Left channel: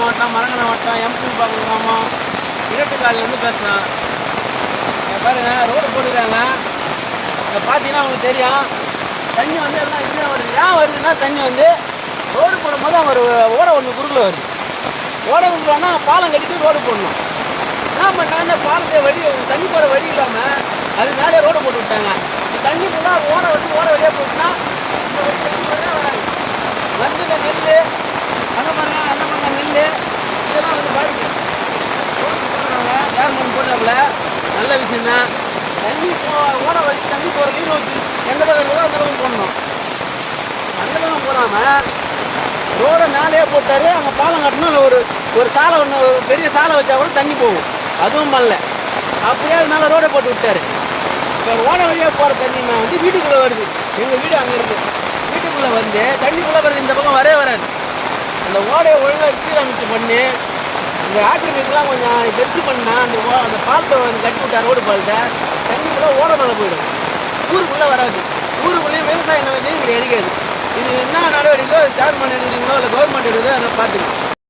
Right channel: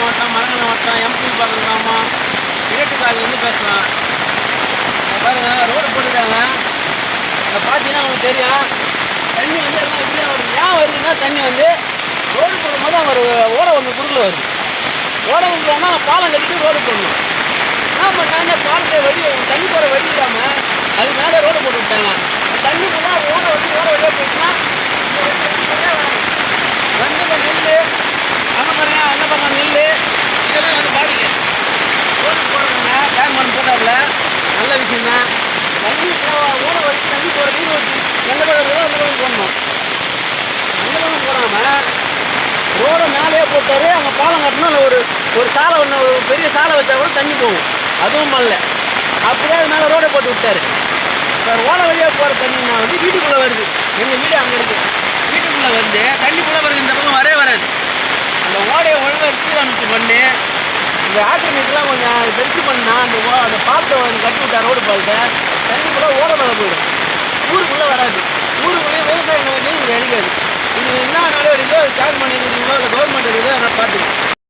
மாவட்டம், மரங்கணம் வட்டம், எம்பி பாக்கம் கிராமம், இடைட்டுக்காலிலேருந்து பேசுகிறேன். பாருங்கள், ரோடு போட்டுருக்காங்க. இங்கே பார்த்தீங்கன்னா உங்களுக்கு தெரியும், தண்ணி வந்து எல்லாம் இப்படிலாம் வருது. ஏன் வருதுன்னா, தண்ணி வந்து ரோடு போடும்போது அங்கே ஒரு ஓடை ஒன்று குறுக்கில் வருது. ஓடை விட்டுறாங்கன்னா பாலம் கட்டிட்டு ரோடு போடணும். என்ன பண்ணாங்க, பாலத்தை வழி தண்ணி போகிற வழி இல்லாமல் அது மேலே ரோடு போட்டு விட்டாங்க. தண்ணி ஃபுல்லாக ஓடை வந்து ஓடை வழியாக போயிட்டுனா வந்து இந்த நெல் அங்கே பாருங்க, அங்கே பாருங்க நெல் இதெல்லாம் வந்து பாதிக்கும். ரோடு போடுறாங்க, கேமரன் போட்டாப்புல நல்ல விஷயந்தான். தண்ணி ஓடை வச்சு தண்ணி போகிற நீர் வச்சு எந்த பக்கம் இருக்கோ அந்த பக்கம் போடணும். அந்த பக்கம் போடாமல் ரோடை மேலேயே போட்டார். அங்கே பாலம் கட்டணும். இல்லை ஒரு சாலை ஒன்று, ஒரு பெரிய சாலை வச்சா கூட தண்ணி போகும். அதுவும் பண்ணல. அப்படியே அது மேலே ரோடை போட்டு விட்டார். இப்போ ஓடை வழியாக போகிற தண்ணின்னா வந்து வீட்டுக்குள்ளே வருது. எங்கள் வீடு அங்கே இருக்குது. வீட்டுக்குள்ளே வந்து தண்ணிக்குள்ளே வருது. இந்த பக்கம் வராது. அந்த ஓடையை ஒழுங்காக சீரமைச்சு பண்ணி இந்த ஆக்கிரமிப்புலாம் கொஞ்சம் பெருசு பண்ணால் அந்த பாலத்தை கட்டி விட்டா ரோடு பாலத்தை தண்ணிக்குள்ளே ஓடை மேலே போயிடும். ஊருக்குள்ளே வராது. ஊருக்குள்ளேயே விவசாயம் வந்து இங்கே அடிக்காது. இது என்ன நடவடிக்கையோ அது கவர்மெண்ட் இருக்குதுங்களோ இல்லை கவர்மெண்ட் இருக்குதோ அதெல்லாம் பார்த்துக்கணும்.